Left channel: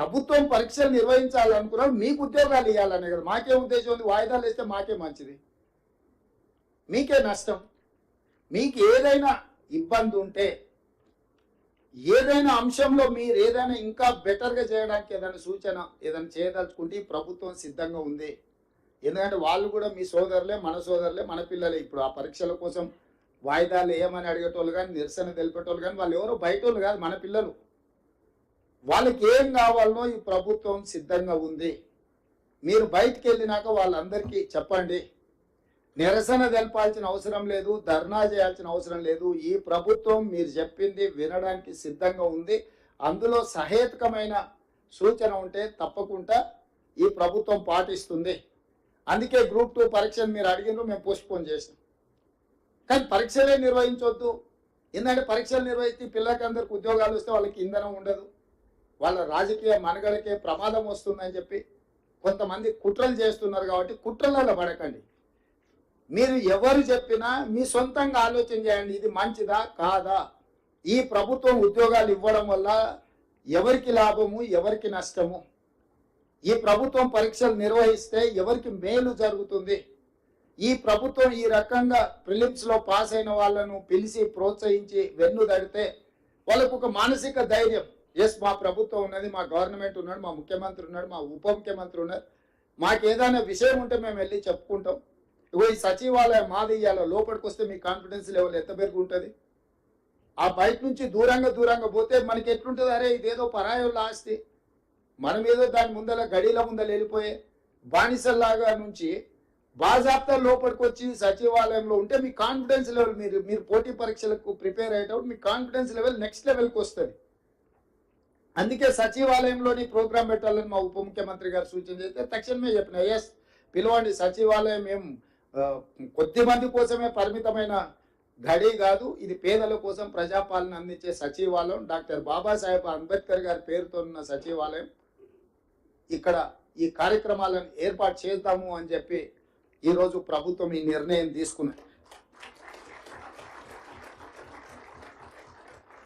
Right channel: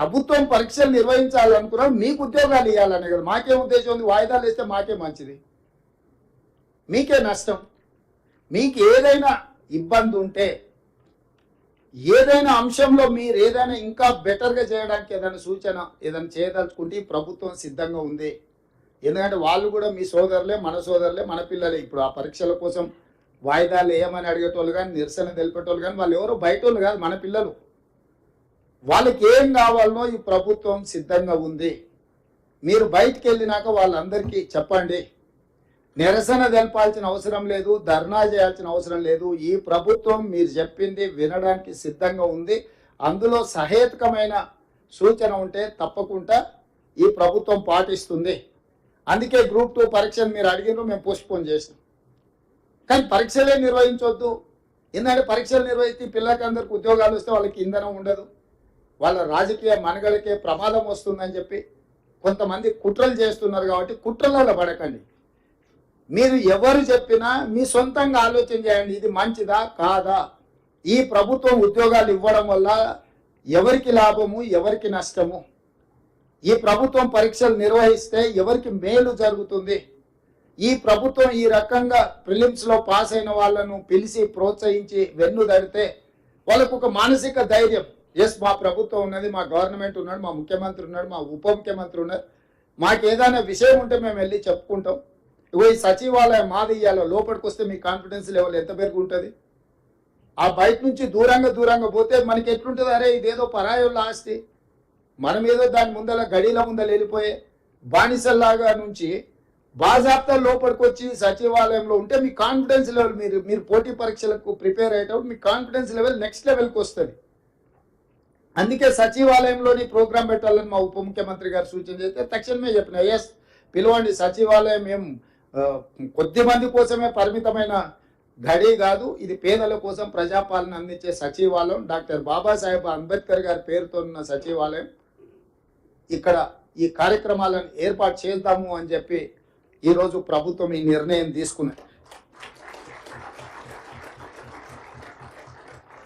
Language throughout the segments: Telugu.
ప్రభుత్వం పరీక్షలు నిర్వహించాలనుకున్నాం, మీకు ఉద్యోగాలు ఇవ్వాలనే కదా. మాకే ఉద్దేశం ఉంది, వాయిదాలు వేస్తే మాకే మంచిది, మీకే నష్టం. మీకు ఏదైనా ఇబ్బంది ఉంటే, ఏదైనా అంశంలో మీరు ఏదైనా ఇంకా బెటర్గా చేయడానికి ఏదైనా సూచన ఏదైనా చేయదలుచుకుంటే ప్రభుత్వం సిద్ధంగా ఉంది. ఎందుకంటే వాళ్ళు కూడా మీ సోదరులే, మన సోదరులే, మన పిల్లలే. ఇప్పుడు ఆ పరీక్షల కోసం వాయిదాలు వేయమని అడిగేటోళ్ళు కానీ, నిరసన తెలిపేటోళ్ళు కానీ వాళ్ళు ఎవరో బయటోళ్ళు కాదు, మన పిల్లలు. వాళ్ళకి ఏం కావాలనో ఈ ప్రభుత్వం సిద్ధంగా ఉంది. మీరు బయటికి వెళ్ళినాక వాళ్ళందరికీ చెప్పండి. నిరసన తెలపాల్సిన అవసరం లేదు, ధర్నా చేయాల్సిన అవసరం లేదు. ఈ ప్రభుత్వం మీరు చెప్పింది వినడానికి సిద్ధంగా ఉంది. అందులో సహేతుకమైన సూచన ఉంటే తప్పకుండా ఈ ప్రభుత్వం పాటిస్తుంది. అందుకే గ్రూప్ 2 పరీక్షలు మీరు అడిగినారు, మేము పోస్ట్పోన్ చేసినాం. కానీ పరీక్షలే నిర్వహించవద్దు. ఎందుకంటే పరీక్షలు నిర్వహిస్తే పిల్లలకి అందరికి ఉద్యోగాలు వస్తే వాళ్ళకి ఇంధనం ఉండదు, వాళ్ళ రాజకీయ మనుగడకే ప్రమాదం వస్తుందని చెప్పి కొంతమంది కుట్రలు చేస్తున్నారు. కాబట్టి కుట్రలలో పడకండి. మీరు ఎవరు చెప్పినా మీ సొంతంగా ఆలోచన చేయండి, ఇది మంచిదా కాదా. ఈ ప్రభుత్వం ఉద్యోగాలు ఇవ్వడం వల్ల ఎవరికి లాభము, ఎవరికి నష్టము, ఈ ప్రభుత్వం పరీక్షలు నిర్వహిస్తే ఎవరికి మేలు జరుగుతుంది. ఈ ప్రభుత్వం ఈ రకంగా ప్రిలిమ్స్లో పాస్ అయిన వాళ్ళను పిలిచి ప్రోత్సహించి వెన్ను దడితే వాళ్ళకు ఒక మానసిక ధైర్యం, ఎస్ మా ప్రభుత్వం ఉన్నది, మా గవర్నమెంట్ ఉన్నాడు, మా ముఖ్యమంత్రి ఉన్నాడు, మా ఉప ముఖ్యమంత్రి ఉన్నారు, మాకు ఏదైనా విషయం ఉంటే మేము వెళ్ళి చెప్పుకుంటాం. ఇగో ఈ సచివాలయం మాది ఇయ్యాలో లోపలికి వస్తే మీ కాన్ఫిడెన్స్ లెవెల్ ఎంత పెరుగుంటుంది. ఆ బయట నుంచి దూరంగా పోతే మనకి ఎట్లుంటుంది, అరే ఇదేదో పరాయోళ్ళ ఆస్తి, మనం ఏదో దాని ముందర గడిల ముందర వెళ్ళిపోయే బానిసల్లాగా నుంచి బాజాప్తా లోపలికి వచ్చి సచివాలయంలో ఉంటే మీ కాన్ఫిడెన్స్ లెవెల్, మీరు పోటీ పరీక్షలకు ప్రిపేర్ అయ్యేటప్పుడు మీ కాన్ఫిడెన్స్ లెవెల్ నెక్స్ట్ లెవెల్కి వస్తుంది. అందుకే సచివాలయంలోని ప్రోగ్రాం పెట్టాలని మా ఉప ముఖ్యమంత్రి గారు సూచన చేస్తే తక్షణమే చెప్పిన, ఎస్ పిలవండి, సచివాలయం ఏం కొద్ది మంది కోసమే పరిమితమైన గడి కాదు, ఇది పేదల కోసం ప్రజాపాలన అందించే సచివాలయం, డాక్టర్ బాబాసాహెబ్ అంబేద్కర్ గారి పేరుతో ఉన్న సచివాలయం. ఇక్కడ ఈ కార్యక్రమాలను ఏర్పాటు చేద్దాము అని చెప్పి ఈరోజు ప్రభుత్వం ఈ నిర్ణయం తీసుకున్నది.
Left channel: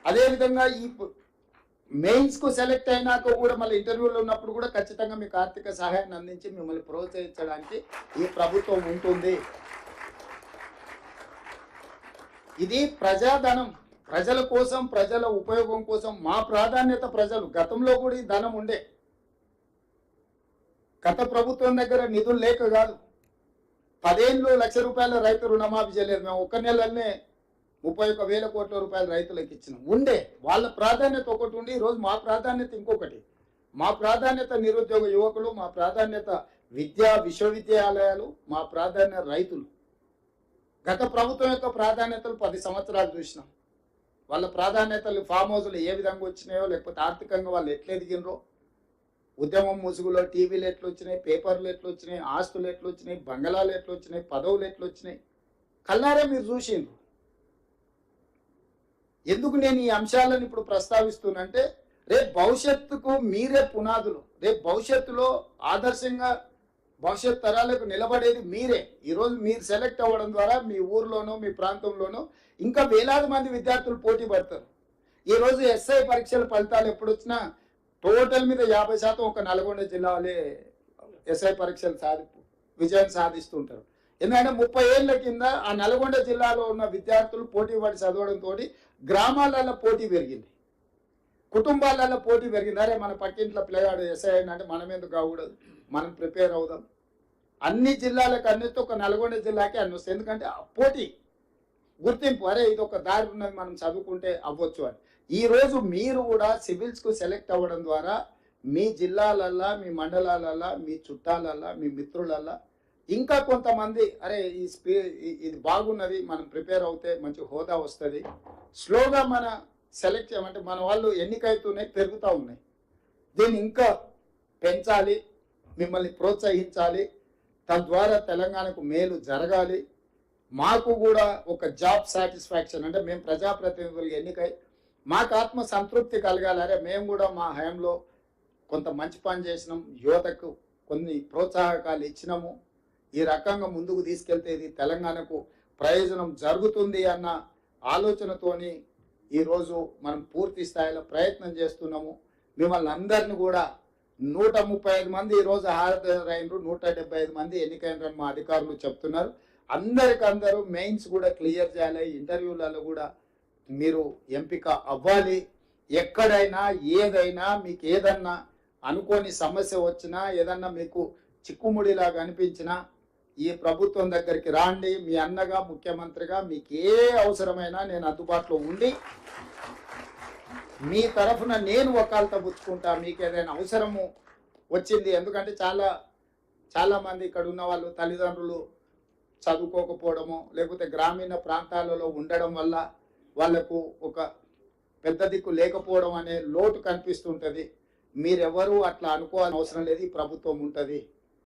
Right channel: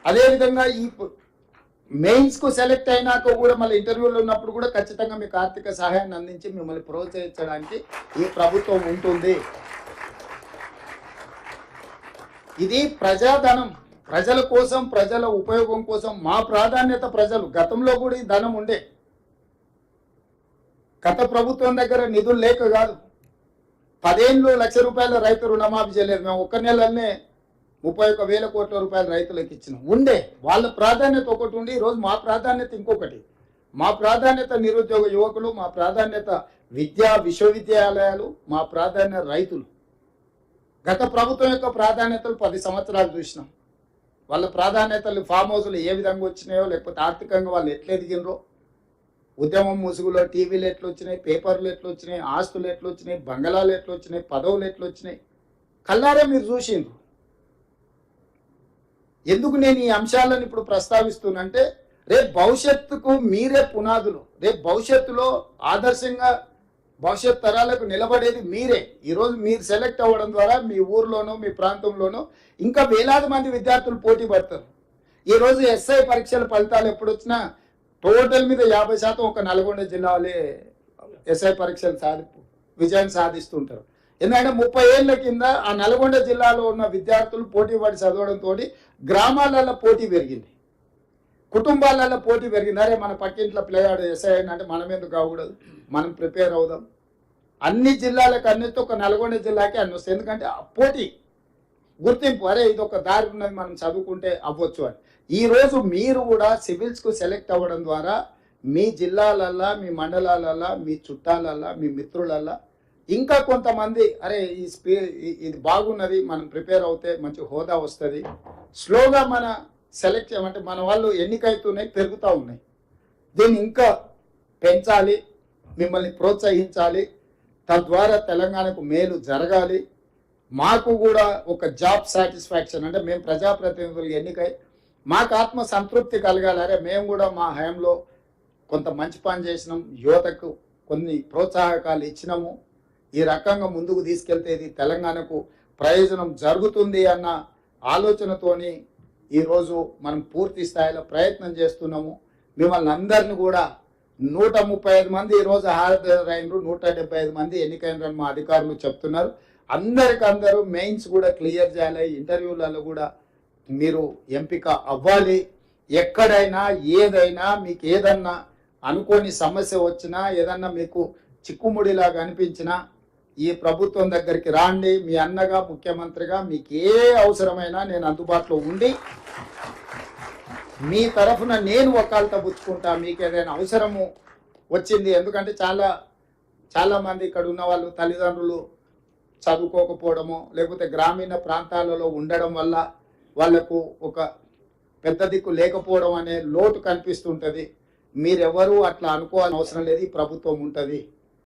అదేవిధంగా ఈ మెయిన్స్కు సెలెక్ట్ అయినాక కూడా మళ్ళీ ఇంటర్వ్యూలో ఉన్నప్పుడు కూడా ఖచ్చితంగా మీకు ఆర్థిక సహాయాన్ని అందించి మిమ్మల్ని ప్రోత్సహించడానికి ఈ ప్రభుత్వం ఉంటుంది. ఇది ప్రజాధనం, ప్రజల కోసం, ప్రజల ఉపయోగం కోసం. మా ప్రాధాన్యత ప్రజలు. గతంలో కూడా ఈ ధనం ఉండే, గత ప్రభుత్వం దగ్గర నిధులు లేక కాదు. 10 ఏళ్ళు ₹1,00,000 రైతు రుణమాఫీ చేయలేదు. మేము ఒక్క నెలనే 31,000 కోట్ల రూపాయలు రైతులకు ఇచ్చినాం. ఉండే వాళ్ళ ప్రాధాన్యత ఒకటి ఉండి, ఈరోజు మా ప్రాధాన్యత ఇంకొకటి. మా ప్రాధాన్యత నిరుద్యోగ యువకులు, మా ప్రాధాన్యత విశ్వవిద్యాలయాలు, మా ప్రాధాన్యత రైతులు. గత ప్రభుత్వం యొక్క ప్రాధాన్యతలు 10 సంవత్సరాలు చూసినాం. వాళ్ళ ప్రాధాన్యతలు ఫామ్ హౌస్లు ఏ విధంగా వచ్చినాయో, లేకపోతే ఆర్థికంగా వాళ్ళు ఎట్లా ఎదిగినరో, ఉద్యమం ముసుగులో టీవీలు ఎట్లా వచ్చినాయి, పేపర్లు ఎట్లా వచ్చినాయి, ఆస్తులు ఎట్లా వచ్చినాయి, బంగళాలు ఎట్లా వచ్చినాయి, పదవులు ఎట్లా వచ్చినాయి, కల్లారే మీరు చూసిండ్రు. ఎందుకు నేను ఈ అంశాలను ఇప్పుడు ప్రస్తావిస్తున్నంటే, రేపు భవిష్యత్తుకు మీరే పునాదులు. రేపు భవిష్యత్తులో ఆదర్శంగా భవిష్యత్ తరాలకు నిలబడేది మీరే. ఈరోజు మీరు సెలెక్ట్ అవ్వడం ద్వారా మీ ఊర్లోనో మీ ప్రాంతంలోనో ఇంకా వేలాది మంది విద్యార్థులు పోటీ పడతారు. ఈరోజు ఎస్ఐ పరీక్షల ఫలితాలు ఎప్పుడు వచ్చినా టోటల్ మీద 50% ఒక నల్గొండ జిల్లాలే ఎస్ఐ పరీక్షలు విజయం సాధిస్తుంటారు. ఎందుకంటే 30 ఏళ్ల కింద ఆ నల్గొండ జిల్లాలో ఉన్న విద్యార్థులు పోటీ పడి చదవడంతో గ్రామాలలో పోటీ పెరిగింది, కుటుంబాలలో పోటీ పెరిగింది. అరే మన పక్కింట్లో పిల్లగాడు ఎస్ఐ అంటే మనం ఎందుకు కాకూడదు, మనం ప్రిపేర్ అవుదాం. అన్ని జిల్లాలకు అన్నిటి ఒక నల్గొండ జిల్లాకి అన్ని వస్తాయి. ఎందుకంటే పోటీ, గుర్తింపు, అరే ఇది ఒక దారి ఉన్నది, మనం చదువుకుంటే అవ్వచ్చు అని. ఈరోజు మీరు కూడా సివిల్స్కు సెలెక్ట్ అవ్వడం ద్వారా మీ జిల్లాలల్లా, మీ మండలాలల్లా, మీ చుట్టాలల్లా, మీ మిత్రులల్లా ఇంకా కొంతమంది అరే ఇది బాగున్నది, మనం ప్రిపేర్ అవుతే మంచి హోదా వస్తుంది. స్లోగా మన సెలెక్ట్ చేయమంటే మన వాళ్ళు ఎన్నికైతున్నాయి, పెరుగుతూ ఉన్నాయి. దీన్ని ఇంకా పెంచాలి, మిమ్మల్ని ప్రోత్సహించాలి. తద్వారా తెలంగాణకు మేలు జరగాలి. మాకు కూడా ఒక జాబ్ సాటిస్ఫాక్షన్, అంటే మేము ప్రజాప్రతినిధులు ఎన్నికై మాకు ఆత్మ సంతృప్తి కలగాలి. అరే మేము కూడా మా హయాంలో కొంత మంచి పని చేసినాం, యువతకు కొన్ని ప్రోత్సాహకాలు ఇచ్చినాము, ఈ రకంగా ముందుకు తీసుకెళ్తే ఇది తెలంగాణకు ప్రయోజనం జరుగుతుంది అన్న ఆలోచనతోని ఈరోజు మనం పూర్తి స్థాయిలో ప్రయత్నం చేస్తున్నాము. మిమ్మల్ని అందరిని కూడా 135 మంది ఈరోజు హాజరైనరు, 175 మంది ఎన్నికైనరని మా అధికారులు చెప్తున్నారు. అందరికందరూ మెయిన్స్ కూడా క్లియర్ చేయాలి, ఇంటర్వ్యూలలో కూడా మీరు ఎంపిక అవ్వాలి. ఎక్కడైనా ఏదైనా మీకు ఏదన్నా అనుకోని సమస్య వచ్చినా, ఏదన్నా మీకు చిక్కుముడిలాగా అనిపించినా ఈ ప్రభుత్వం దగ్గరికి రాండి. మీ అన్నగా, ముఖ్యమంత్రిగా మీకు ఏ అవసరమైనా నేను అందుబాటులో ఉండి మీ తరఫున నేను వకాల్తా పుచ్చుకుంటా. మీకు ఏదైనా అవసరము వచ్చింది, ఎందుకంటే చాలా మంది ఇక్కడ ఉన్న వాళ్ళు తల్లిదండ్రులు చదువుకోకపోవడమో లేకపోతే గ్రామీణ ప్రాంతాలలో ఉండడం వల్ల వాళ్లకు ఒక పెద్ద దిక్కు లేకపోవడం అనే లోటు కనిపిస్తుంటుంది. మీరెవరూ అట్లా అనుకోవాల్సిన అవసరం లేదు. ఈ ప్రభుత్వం ఉంటుంది.